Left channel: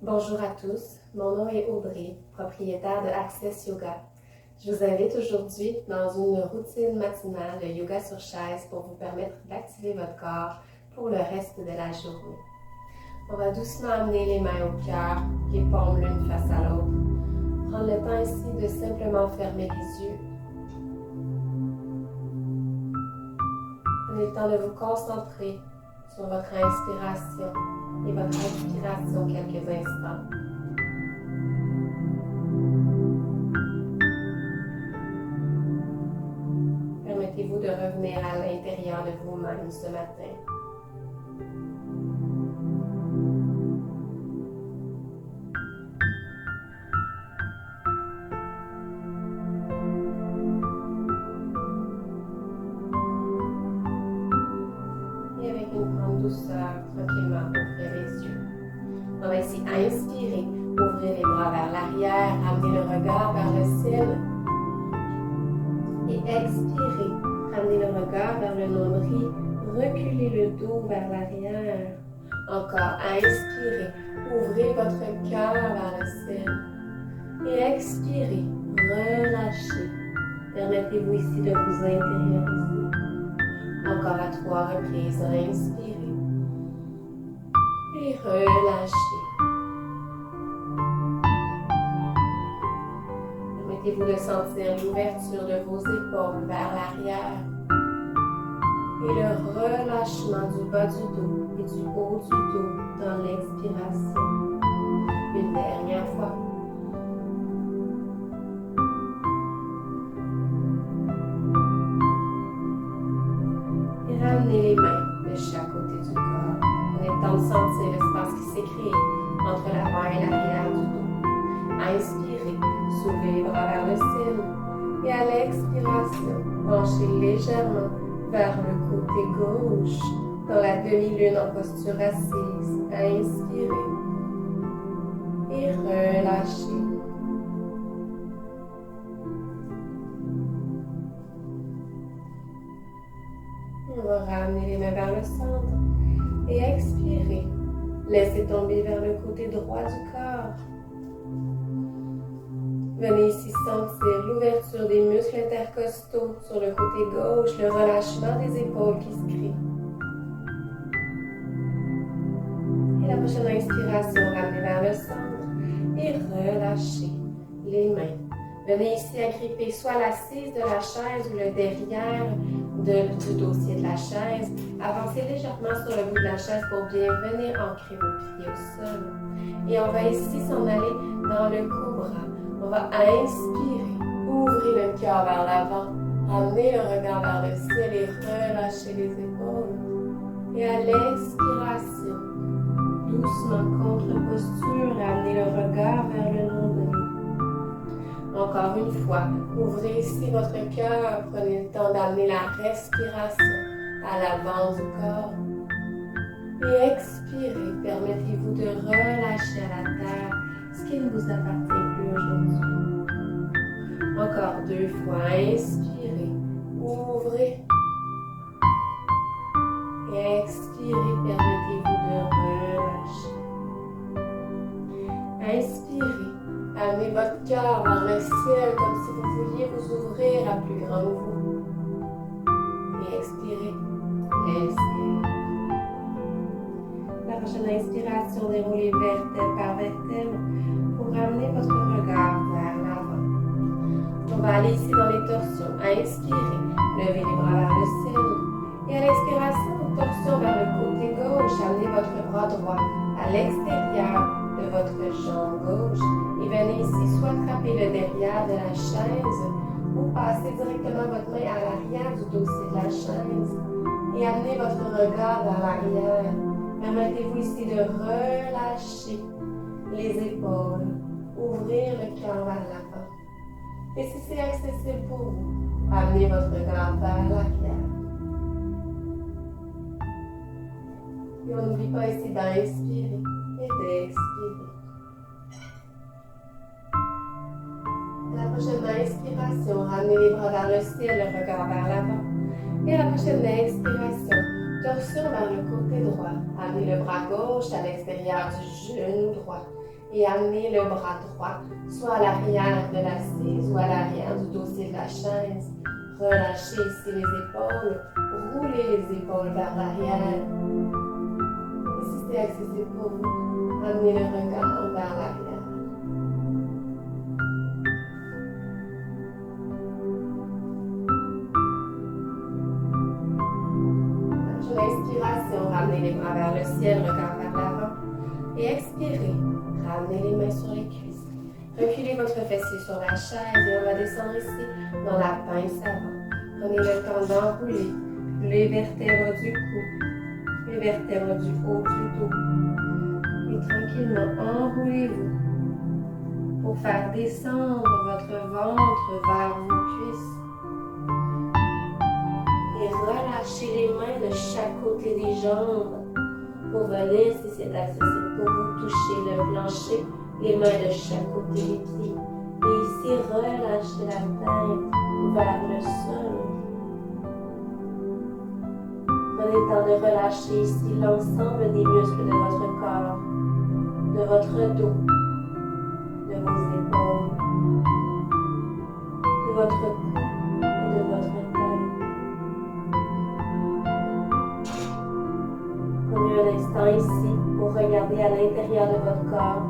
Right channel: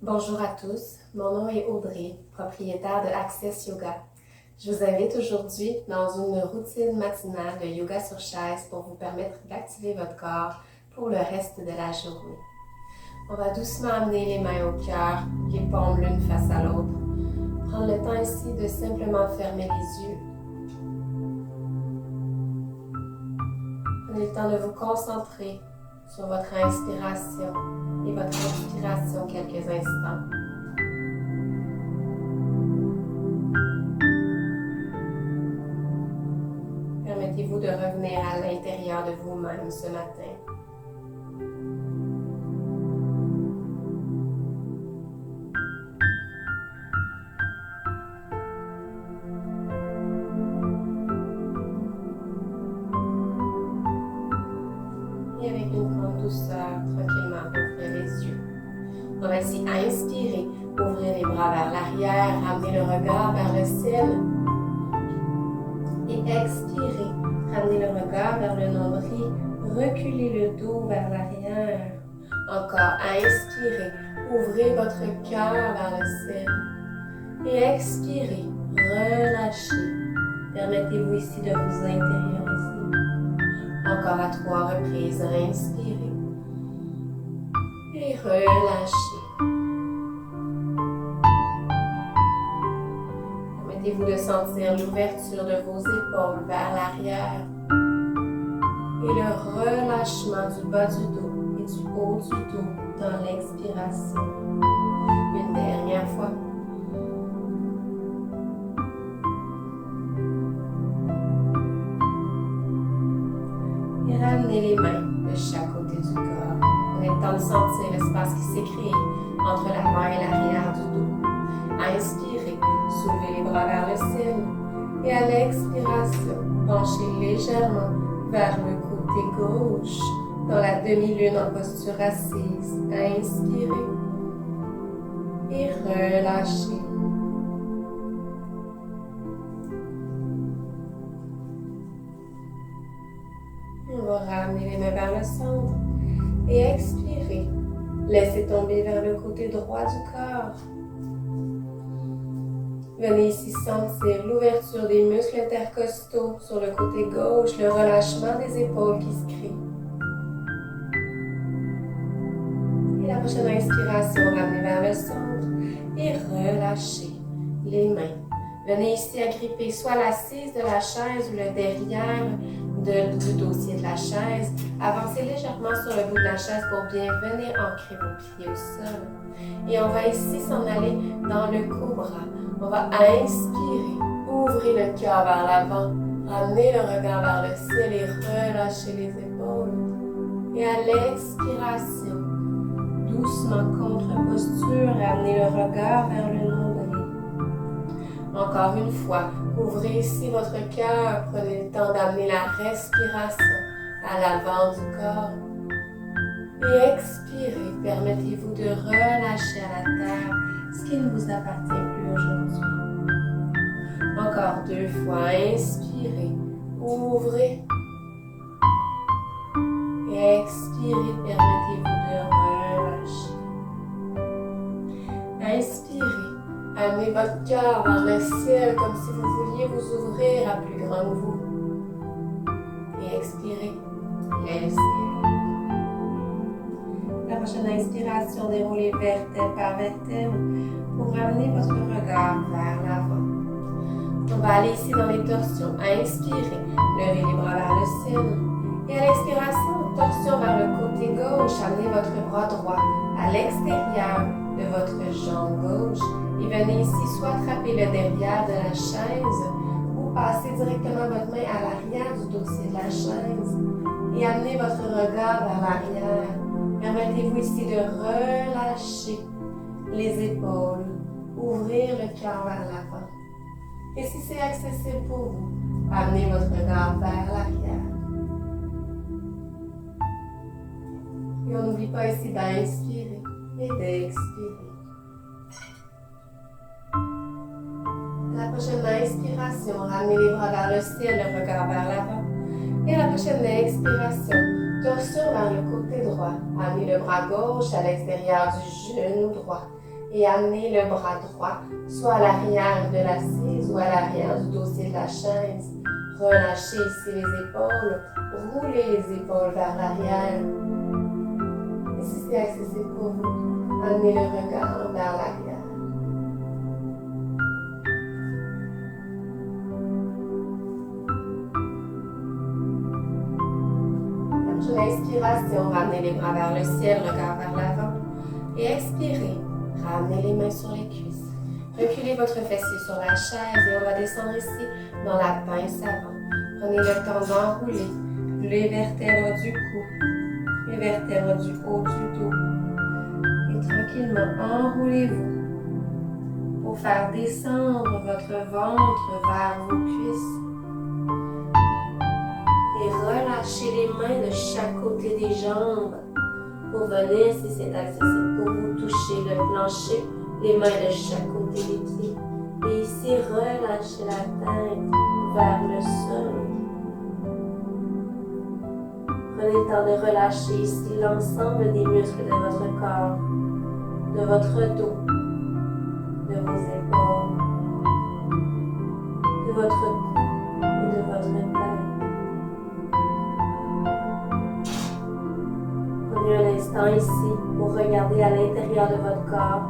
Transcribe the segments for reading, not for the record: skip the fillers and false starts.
Bonjour à tous, mon nom est Audrey, propriétaire de Access Yoga. Je vous invite aujourd'hui dans une routine matinale de yoga sur chaise pour vous permettre d'activer votre corps pour le reste de la journée. On va doucement amener les mains au cœur, les paumes l'une face à l'autre. Prendre le temps ici de simplement fermer les yeux. Prenez le temps de vous concentrer sur votre inspiration et votre expiration quelques instants. Permettez-vous de revenir à l'intérieur de vous-même ce matin. Et avec une grande douceur, tranquillement, ouvrez les yeux. On va ici inspirer, ouvrir les bras vers l'arrière, ramener le regard vers le ciel. Et expirer, ramener le regard vers le nombril, reculer le dos vers l'arrière. Encore, inspirez, ouvrez votre cœur vers le ciel. Et expirez, relâchez. Permettez-vous ici de vous intérioriser. Encore à 3 reprises, inspirez. Et relâchez. Permettez-vous de sentir l'ouverture de vos épaules vers l'arrière et le relâchement du bas du dos et du haut du dos dans l'expiration. Une dernière fois. Et ramenez les mains de chaque côté du corps. Prenez le temps de sentir l'espace qui s'est créé entre l'avant et l'arrière du dos. Inspirez, soulevez les bras vers le ciel et à l'expiration, penchez légèrement vers le côté gauche dans la demi-lune en posture assise. Inspirez et relâchez. On va ramener les mains vers le centre et expirer. Laissez tomber vers le côté droit du corps. Venez ici sentir l'ouverture des muscles intercostaux sur le côté gauche, le relâchement des épaules qui se crée. Et la prochaine inspiration, ramenez vers le centre et relâchez les mains. Venez ici agripper soit l'assise de la chaise ou le derrière du dossier de la chaise. Avancez légèrement sur le bout de la chaise pour bien venir ancrer vos pieds au sol. Et on va ici s'en aller dans le cobra. On va inspirer, ouvrez le cœur vers l'avant, ramenez le regard vers le ciel et relâchez les épaules. Et à l'expiration, doucement contre-posture, ramenez le regard vers le nombril. Encore une fois, ouvrez ici votre cœur, prenez le temps d'amener la respiration à l'avant du corps. Et expirez, permettez-vous de relâcher à la terre ce qui ne vous appartient plus aujourd'hui. Encore 2 fois, inspirez, ouvrez. Et expirez, permettez-vous de relâcher. Inspirez, amenez votre cœur vers le ciel comme si vous vouliez vous ouvrir à plus grand que vous. Et expirez, laissez. La prochaine inspiration, déroulez vertèbre par vertèbre pour ramener votre regard vers l'avant. On va aller ici dans les torsions. Inspirez, levez les bras vers le ciel. Et à l'expiration, torsion vers le côté gauche, amenez votre bras droit à l'extérieur de votre jambe gauche. Et venez ici soit attraper le derrière de la chaise ou passer directement votre main à l'arrière du dossier de la chaise. Et amenez votre regard vers l'arrière. Permettez-vous ici de relâcher les épaules, ouvrir le cœur vers l'avant. Et si c'est accessible pour vous, amenez votre regard vers l'arrière. Et on n'oublie pas ici d'inspirer et d'expirer. À la prochaine inspiration, ramenez les bras vers le ciel, le regard vers l'avant. Et à la prochaine expiration, torsion vers le côté droit. Amenez le bras gauche à l'extérieur du genou droit. et amenez le bras droit, soit à l'arrière de l'assise ou à l'arrière du dossier de la chaise. Relâchez ici les épaules, roulez les épaules vers l'arrière. Et si c'est accessible pour vous, amenez le regard vers l'arrière. Sur l'inspiration, ramenez les bras vers le ciel, regard vers l'avant. Et expirez, ramenez les mains sur les cuisses. Reculez votre fessier sur la chaise et on va descendre ici dans la pince avant. Prenez le temps d'enrouler les vertèbres du cou, les vertèbres du haut du dos. Et tranquillement, enroulez-vous pour faire descendre votre ventre vers vos cuisses. Et relâchez les mains de chaque côté des jambes pour venir, si c'est accessible pour vous, toucher le plancher, les mains de chaque côté des pieds. Et ici, relâchez la tête vers le sol. Prenez le temps de relâcher ici l'ensemble des muscles de votre corps, de votre dos, de vos épaules, de votre cou et de votre tête. Prenez un instant ici pour regarder à l'intérieur de votre corps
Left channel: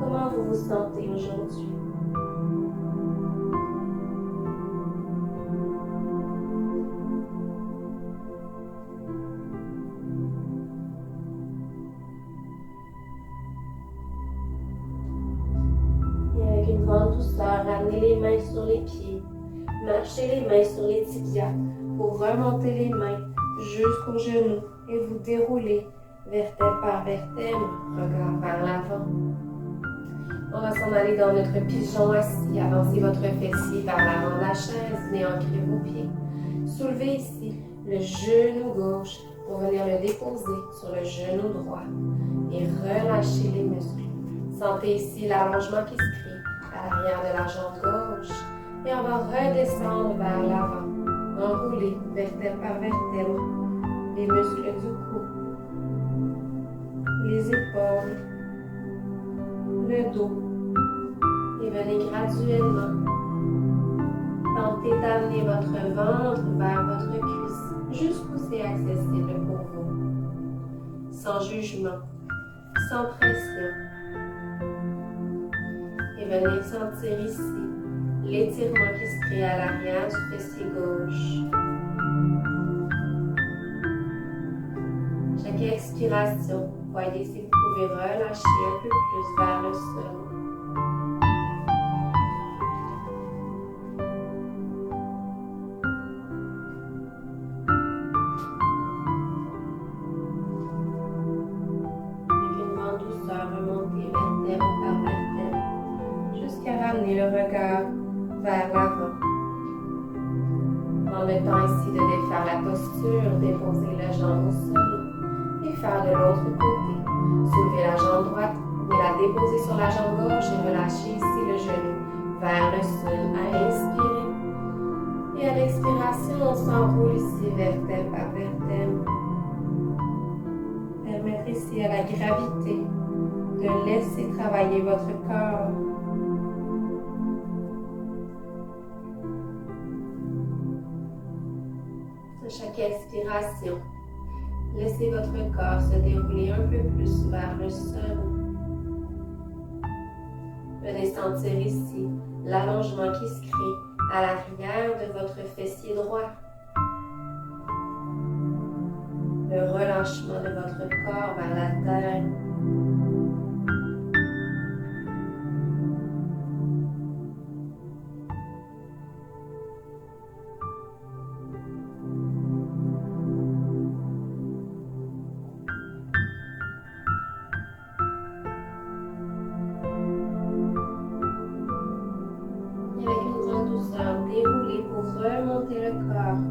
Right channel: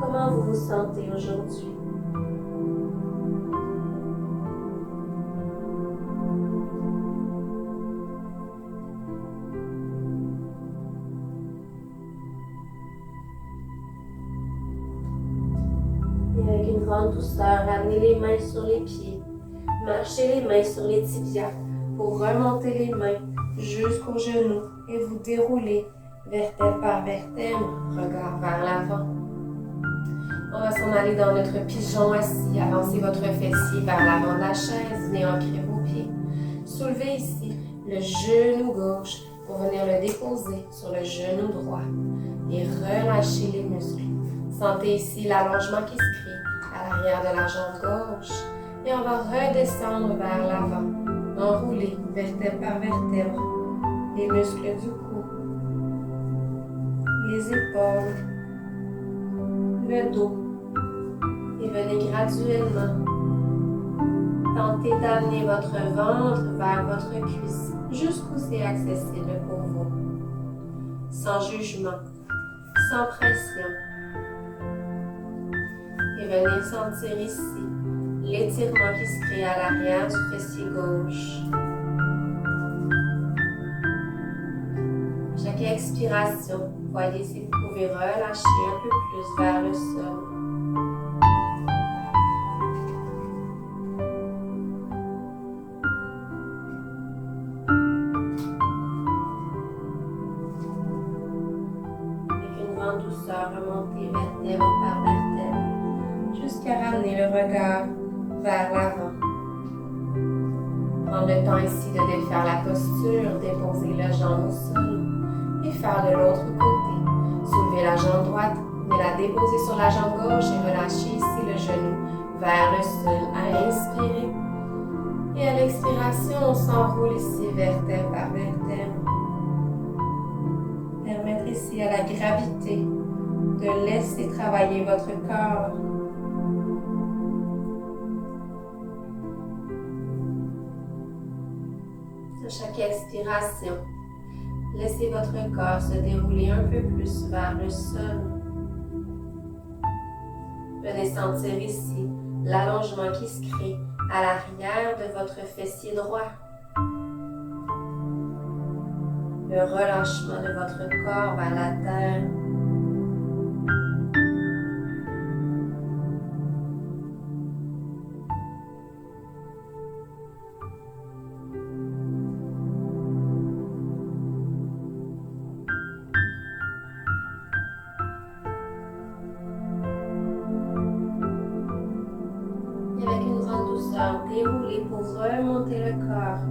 comment vous vous sentez aujourd'hui. Et avec une grande douceur, ramenez les mains sur les pieds. Marchez les mains sur les tibias pour remonter les mains jusqu'aux genoux et vous déroulez vertèbre par vertèbre, regard vers l'avant. On va s'en aller dans notre pigeon assis. Avancez votre fessier vers l'avant de la chaise, venez ancrer vos pieds. Soulevez ici le genou gauche pour venir le déposer sur le genou droit et relâchez les muscles. Sentez ici l'allongement qui se crée à l'arrière de la jambe gauche et on va redescendre vers l'avant. Enroulez vertèbre par vertèbre les muscles du cou, les épaules, le dos et venez graduellement tenter d'amener votre ventre vers votre cuisse jusqu'où c'est accessible pour vous, sans jugement, sans pression. Et venez sentir ici l'étirement qui se crée à l'arrière du fessier gauche. Chaque expiration, voyez si vous pouvez relâcher un peu plus vers le sol. Avec une grande douceur, remontez vertèbre par vertèbre jusqu'à ramener le regard vers l'avant. Prendre le temps ici de défaire la posture, déposer la jambe au sol et faire de l'autre côté. Soulevez la jambe droite, venez la déposer sur la jambe gauche et relâchez ici le genou vers le sol à inspirer. Et à l'expiration, on s'enroule ici vertèbre par vertèbre. Permettre ici à la gravité de laisser travailler votre corps. À chaque expiration, laissez votre corps se dérouler un peu plus vers le sol. Venez sentir ici l'allongement qui se crée à l'arrière de votre fessier droit. Le relâchement de votre corps vers la terre. Déroulez pour remonter le corps.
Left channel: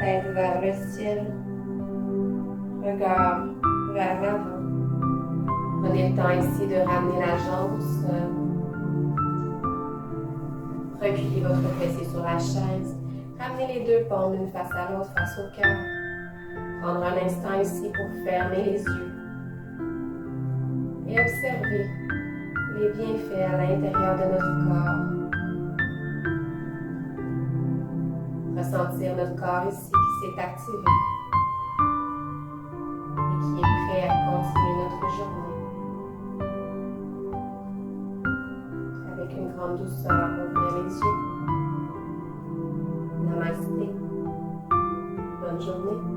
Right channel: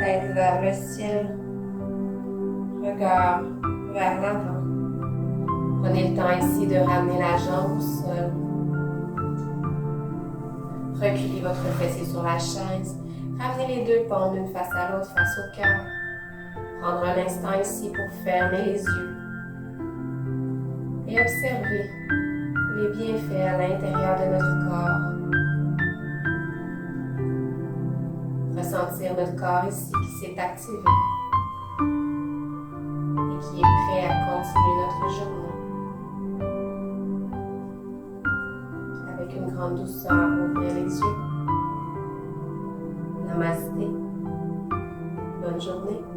Tête vers le ciel. Regard vers l'avant. Prenez le temps ici de ramener la jambe au sol. Reculez votre fessier sur la chaise. Ramenez les deux paumes d'une face à l'autre face au cœur. Prendre un instant ici pour fermer les yeux. et observer les bienfaits à l'intérieur de notre corps. Ressentir notre corps ici qui s'est activé et qui est prêt à continuer notre journée. Avec une grande douceur, ouvrir les yeux. Namasté. Bonne journée.